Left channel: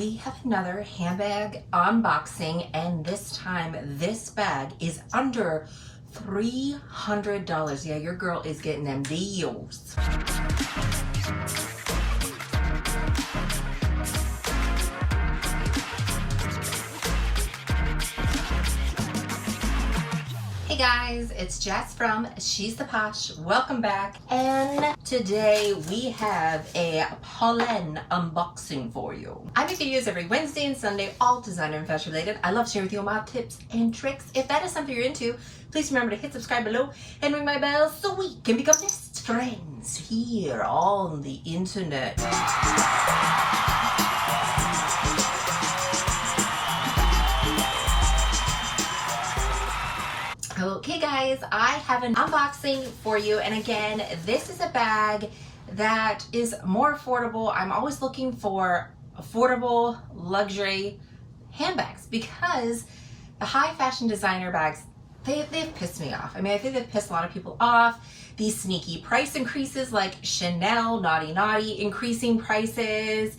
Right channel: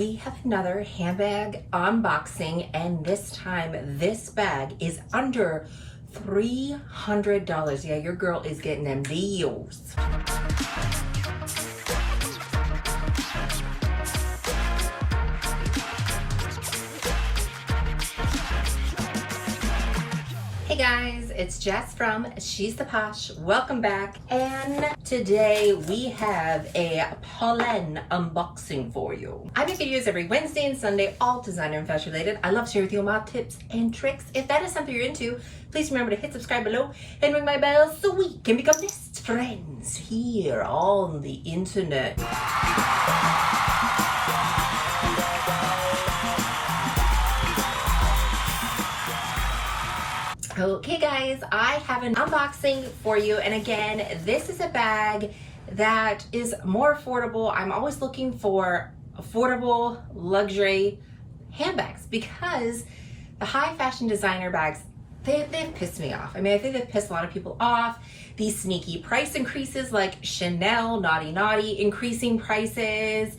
we have another handbag unboxing, and this time this bag is under $300. Yeah, your girl is getting them deals. Hey guys, it's Jess from She's the Posh. Welcome back. And today we have a Polène unboxing for you. I make videos every Wednesday and Sunday, all designer and fashion related. I love to share with you all my tips and tricks. If that is something you're into, please remember to hit subscribe below and ring my bell so we can become best friends here on the internet. Okay guys, I have an unboxing for you, and again, this is a bag that is more affordable. I'm always looking for affordable luxury handbags because the high fashion designer bags, they've pissed me off. I mean, I think they've pissed a lot of people off. These sneaky price increases like Chanel, naughty, increasing prices.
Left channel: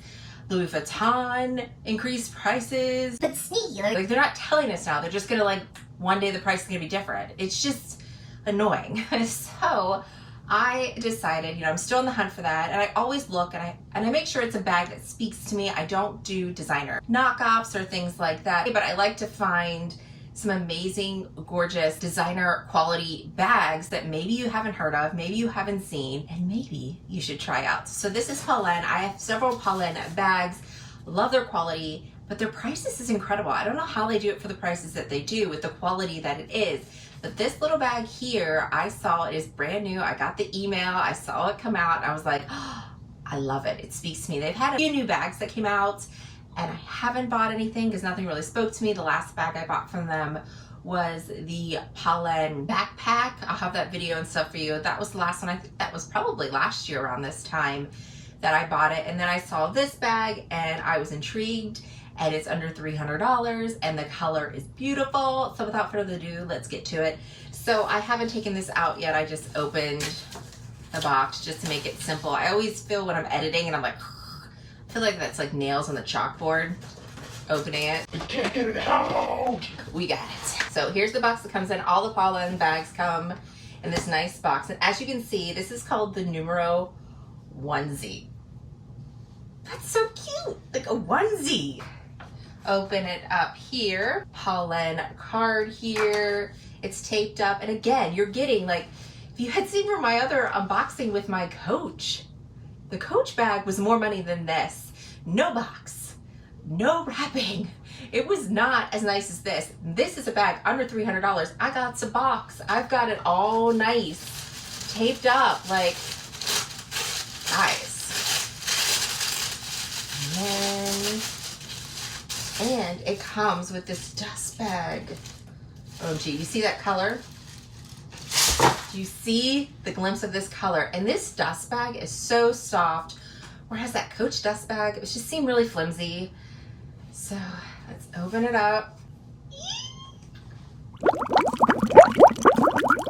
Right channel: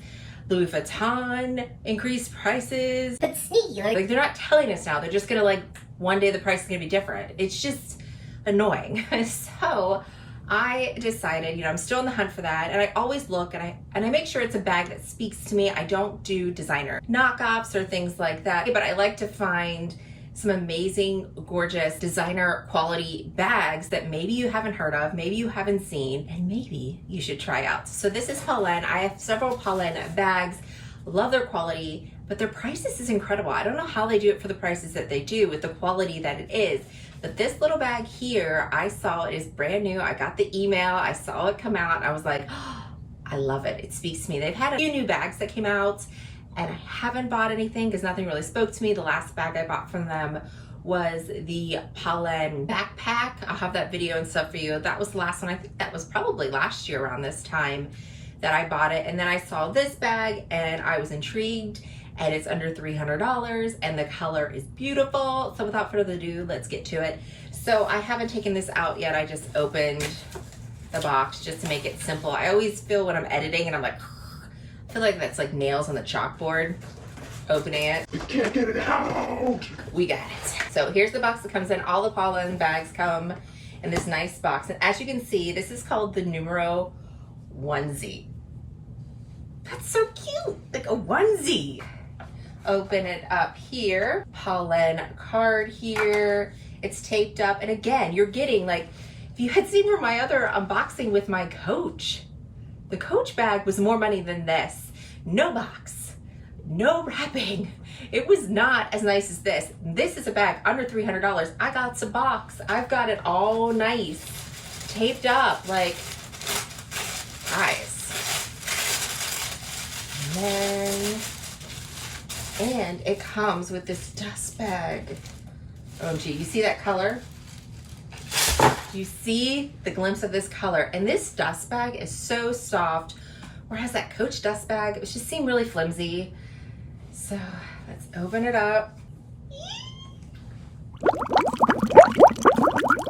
Louis Vuitton increased prices. But sneaky, like they're not telling us now. They're just gonna like, one day the price is gonna be different. It's just annoying. So I decided, I'm still on the hunt for that, and I always look and I make sure it's a bag that speaks to me. I don't do designer knockoffs or things like that, but I like to find some amazing, gorgeous designer quality bags that maybe you haven't heard of, maybe you haven't seen, and maybe you should try out. So this is Polène. I have several Polène bags, love their quality, but their prices is incredible. I don't know how they do it for the prices that they do with the quality that it is. But this little bag here, I saw it is brand new. I got the email, I saw it come out, and I was like, oh, I love it. It speaks to me. They've had a few new bags that came out, and I haven't bought anything because nothing really spoke to me. The last bag I bought from them was the Polène backpack. I'll have that video and stuff for you. That was the last one. I think that was probably last year around this time that I bought it. And then I saw this bag and I was intrigued, and it's under $300 and the color is beautiful. So without further ado, let's get to it. So I haven't taken this out yet. I just opened the box just to make it simple. I always feel when I'm editing and I'm like, I feel like that's like nails on the chalkboard, opening it. We can't get it out. We got it. So here's the box that comes in. All the Polène bags come in this nice box. And as you can see, this is called the numero onesie. That's so cute, like a onesie. Open it up here. Polène card here. It's taped up. And again, you're getting like, if you had seen from my other unboxing with my Coach, the Coach bag was more money than this. No box, no wrapping. It was not as nice as this. This is a bag under $300. I got the box. I've got it all nice, taped up, like, guys. And it comes with this dust bag. OMG, you see that color? Do you see the glimpse of this color? And this dust bag is so soft, whereas that Coach dust bag, it just seemed really flimsy. So let's open it up.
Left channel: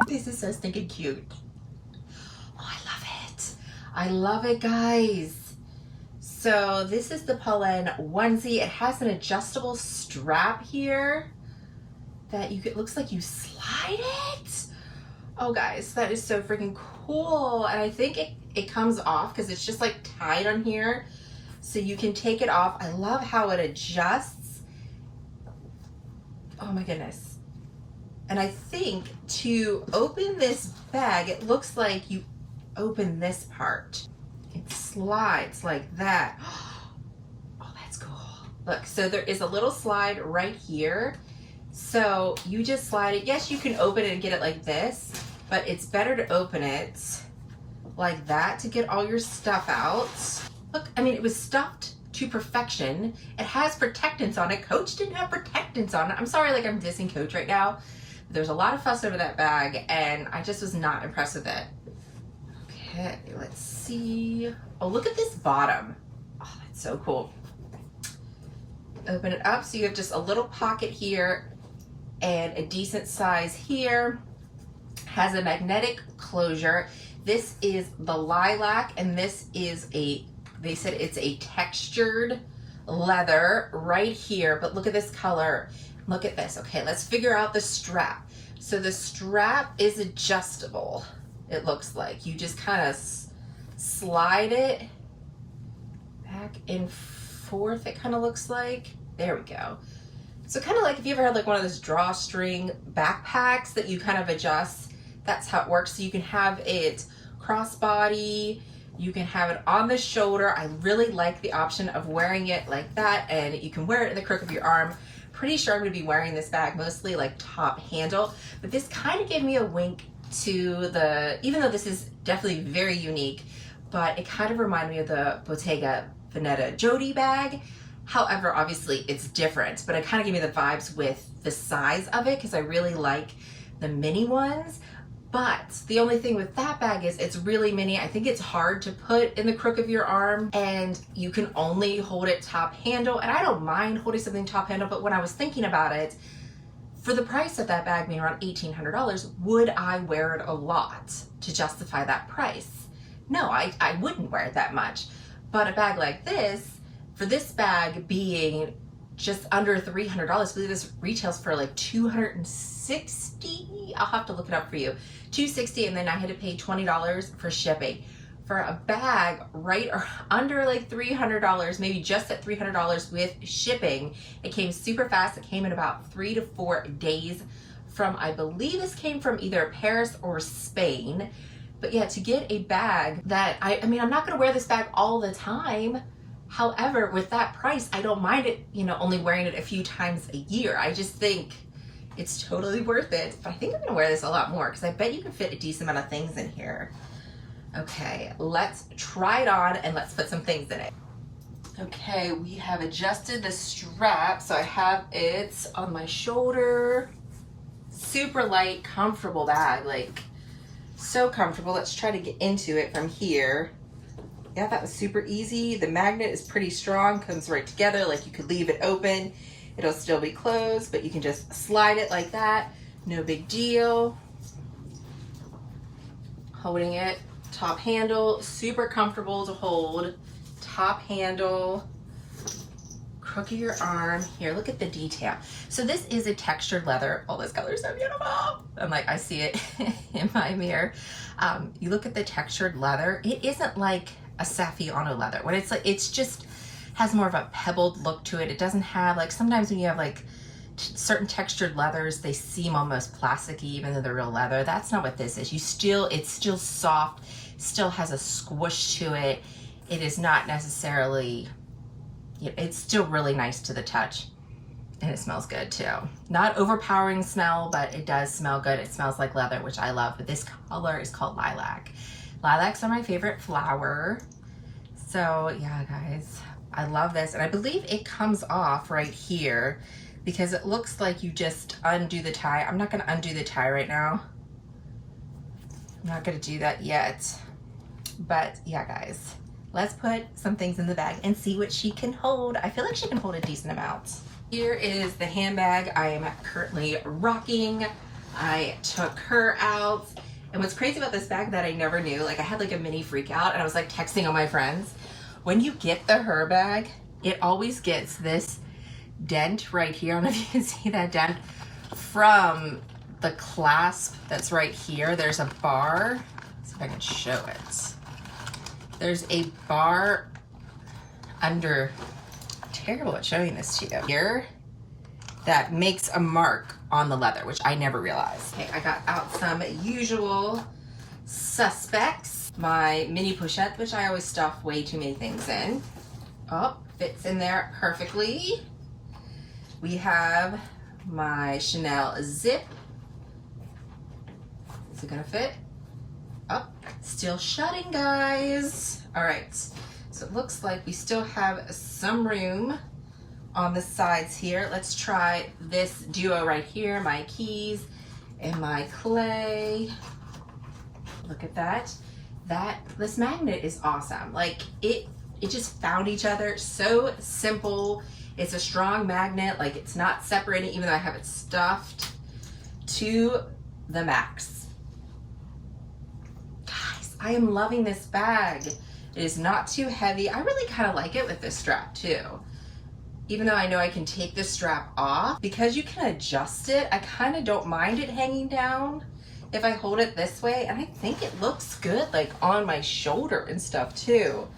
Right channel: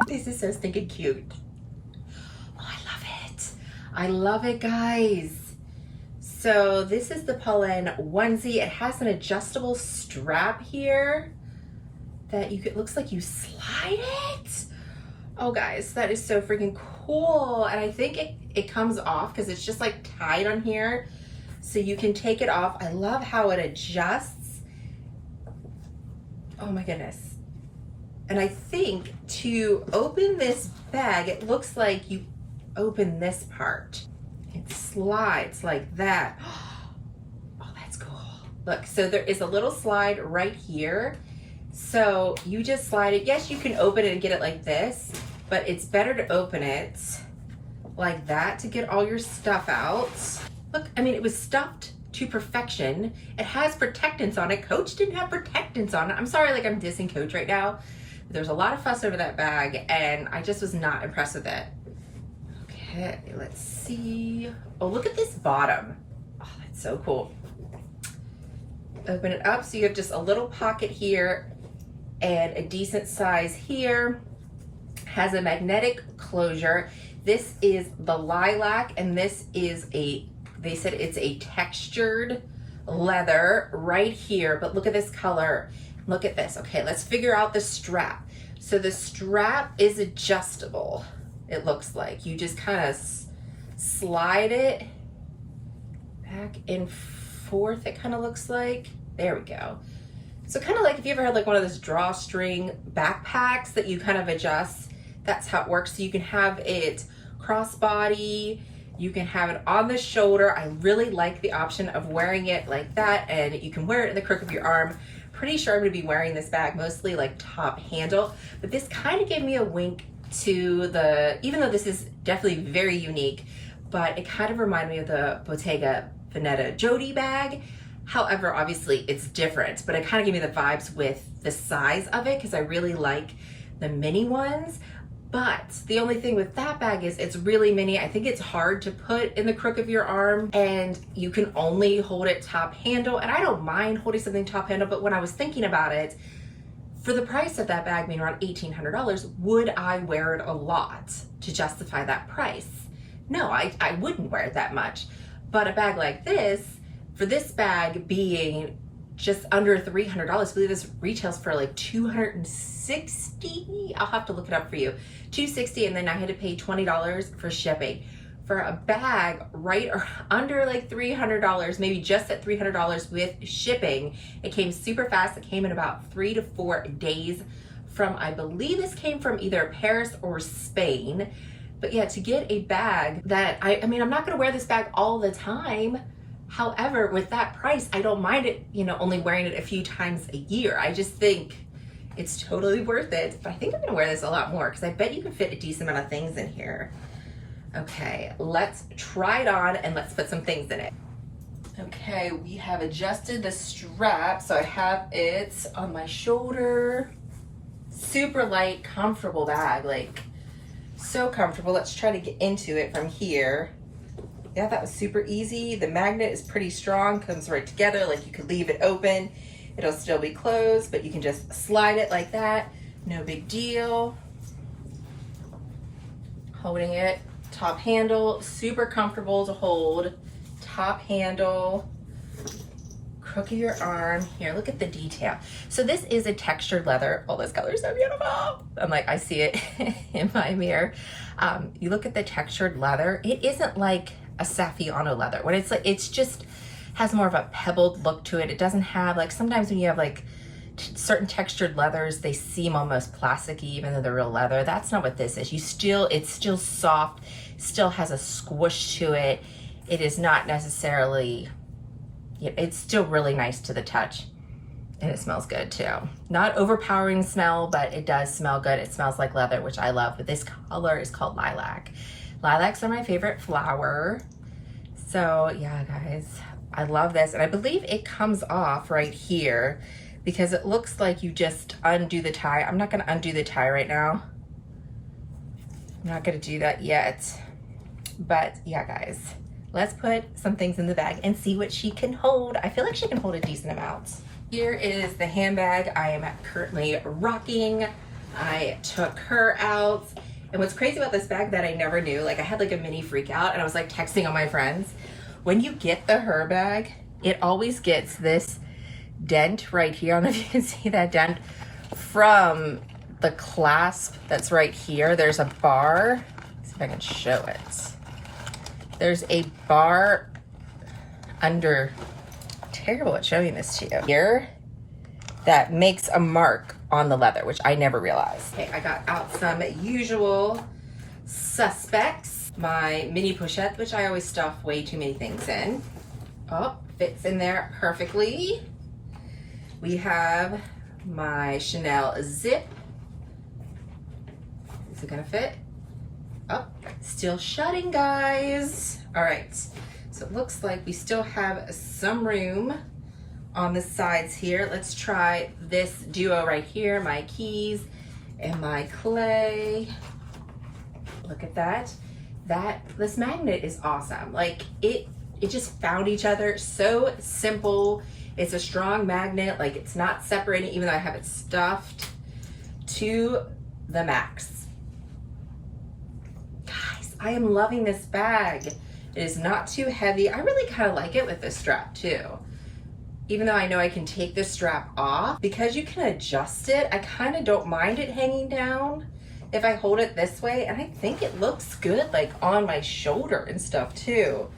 This is so stinking cute. Oh, I love it. I love it, guys. So this is the Polène onesie. It has an adjustable strap here that it looks like you slide it. Oh guys, that is so freaking cool. And I think it comes off because it's just like tied on here, so you can take it off. I love how it adjusts. Oh my goodness. And I think to open this bag, it looks like you open this part. It slides like that. Oh, that's cool. Look, so there is a little slide right here. So you just slide it. Yes, you can open it and get it like this, but it's better to open it like that to get all your stuff out. Look, I mean, it was stuffed to perfection. It has protectants on it. Coach didn't have protectants on it. I'm sorry, like I'm dissing Coach right now. But there's a lot of fuss over that bag, and I just was not impressed with it. Okay, let's see. Oh, look at this bottom. Oh, that's so cool. Open it up so you have just a little pocket here and a decent size here. Has a magnetic closure. This is the lilac, and this is they said it's a textured leather right here, but look at this color. Look at this. Okay, let's figure out the strap. So the strap is adjustable. It looks like you just kind of slide it back and forth. It kind of looks like, there we go. So kind of like if you ever had like one of those drawstring backpacks that you kind of adjust, that's how it works. So you can have it crossbody, you can have it on the shoulder. I really like the option of wearing it like that, and you can wear it in the crook of your arm. Pretty sure I'm gonna be wearing this bag mostly like top handle, but this kind of gave me a wink to the, even though this is definitely very unique, but it kind of reminded me of the Bottega Veneta Jody bag. However, obviously it's different, but it kind of gave me the vibes with the size of it because I really like the mini ones. But the only thing with that bag is it's really mini. I think it's hard to put in the crook of your arm, and you can only hold it top handle. And I don't mind holding something top handle, but when I was thinking about it, for the price of that bag being around $1,800, would I wear it a lot to justify that price? No, I wouldn't wear it that much. But a bag like this, for this bag being just under $300, I believe this retails for like $260. I'll have to look it up for you. $260, and then I had to pay $20 for shipping. For a bag right or under like $300, maybe just at $300 with shipping, it came super fast. It came in about 3 to 4 days from, I believe this came from either Paris or Spain. But yeah, to get a bag that, I mean, I'm not gonna wear this bag all the time. However, with that price, I don't mind it, you know, only wearing it a few times a year. I just think it's totally worth it. But I think I'm gonna wear this a lot more because I bet you can fit a decent amount of things in here. Okay, let's try it on and let's put some things in it. Okay, we have adjusted the strap. So I have it on my shoulder. Super light, comfortable bag, like so comfortable. Let's try to get into it from here. Yeah, that was super easy. The magnet is pretty strong, comes right together. Like you could leave it open, it'll still be closed, but you can just slide it like that. No big deal. Holding it, top handle, super comfortable to hold. Top handle, crook of your arm. Here, look at the detail. So this is a textured leather. Oh, this color is so beautiful. I'm like, I see it in my mirror. You look at the textured leather. It isn't like a Saffiano leather. When it's like, it's just has more of a pebbled look to it. It doesn't have like, sometimes when you have like certain textured leathers, they seem almost plasticky even though they're real leather. That's not what this is. It's still soft, still has a squish to it. It is not necessarily, it's still really nice to the touch, and it smells good too. Not overpowering smell, but it does smell good. It smells like leather, which I love, but this color is called lilac. Lilacs are my favorite flower. So yeah, guys, I love this. And I believe it comes off right here because it looks like you just undo the tie. I'm not gonna undo the tie right now. I'm not gonna do that yet. But yeah, guys, let's put some things in the bag and see what she can hold. I feel like she can hold a decent amount. Here is the handbag I am currently rocking. I took her out. And what's crazy about this bag that I never knew, like I had like a mini freak out and I was like texting all my friends. When you get the her bag, it always gets this dent right here. I don't know if you can see that dent from the clasp that's right here. There's a bar. Let's see if I can show it. There's a bar under, terrible at showing this to you, here that makes a mark on the leather, which I never realized. Okay, I got out some usual suspects. My mini pochette, which I always stuff way too many things in. Oh, fits in there perfectly. We have my Chanel zip. Is it gonna fit? Oh, still shutting, guys. All right, so it looks like we still have some room on the sides here. Let's try this duo right here, my keys and my clay. Look at that. This magnet is awesome. Like it just found each other. So simple. It's a strong magnet. Like it's not separating, even though I have it stuffed to the max. Guys, I am loving this bag. It is not too heavy. I really kind of like it with this strap too. even though I know I can take the strap off, because you can adjust it, I kind of don't mind it hanging down if I hold it this way. And I think it looks good like on my shoulder and stuff too.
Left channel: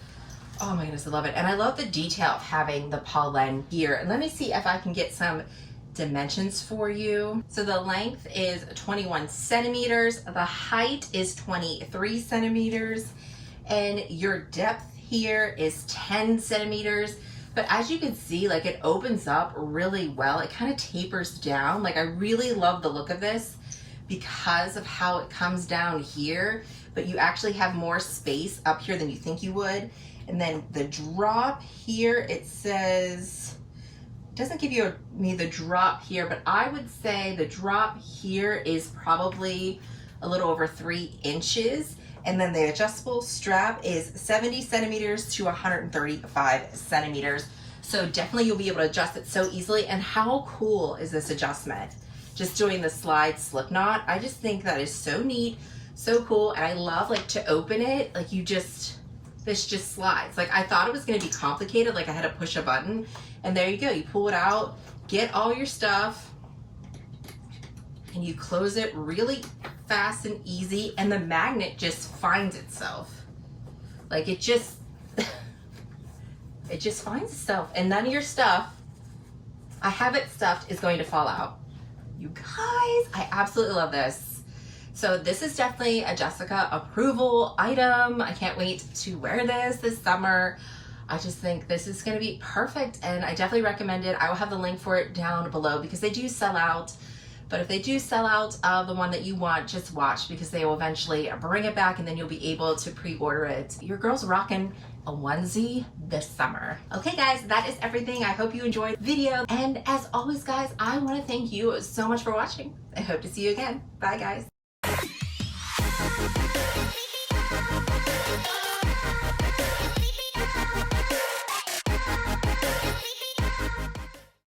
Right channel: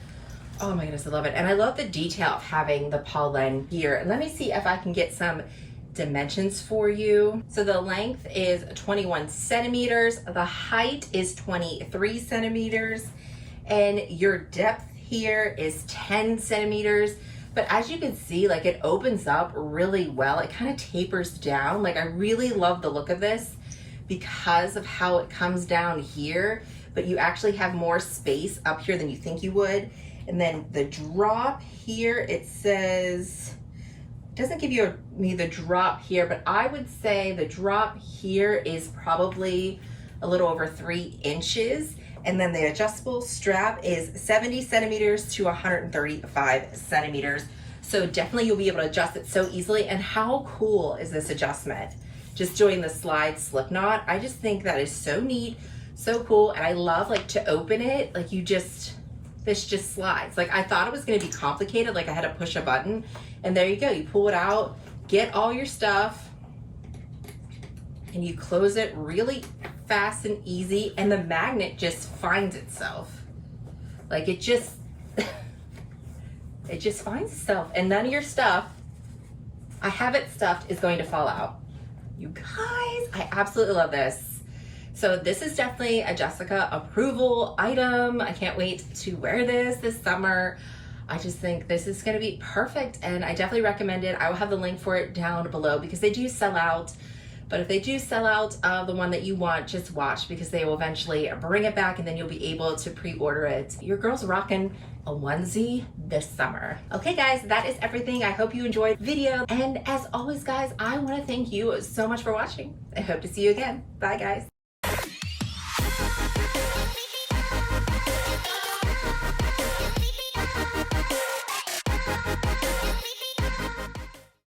Oh my goodness, I love it. And I love the detail of having the Polène here. And let me see if I can get some dimensions for you. So the length is 21 centimeters. The height is 23 centimeters. And your depth here is 10 centimeters. But as you can see, like it opens up really well. It kind of tapers down. Like I really love the look of this because of how it comes down here, but you actually have more space up here than you think you would. And then the drop here, it says, it doesn't give me the drop here, but I would say the drop here is probably a little over 3 inches. And then the adjustable strap is 70 centimeters to 135 centimeters. So definitely you'll be able to adjust it so easily. And how cool is this adjustment? Just doing the slide slip knot. I just think that is so neat, so cool. And I love like to open it, like this just slides. Like I thought it was gonna be complicated, like I had to push a button, and there you go. You pull it out, get all your stuff, and you close it really fast and easy, and the magnet just finds itself. Like it just finds itself, and none of your stuff, I have it stuffed, is going to fall out. You guys, I absolutely love this. So this is definitely a Jessica approval item. I can't wait to wear this summer. I just think this is gonna be perfect, and I definitely recommend it. I will have the link for it down below because they do sell out. But if they do sell out the one that you want, just watch, because they will eventually bring it back and then you'll be able to pre-order it. Your girl's rocking a onesie this summer. Okay guys, that is everything. I hope you enjoyed the video. And as always guys, I want to thank you so much for watching. I hope to see you again. Bye guys.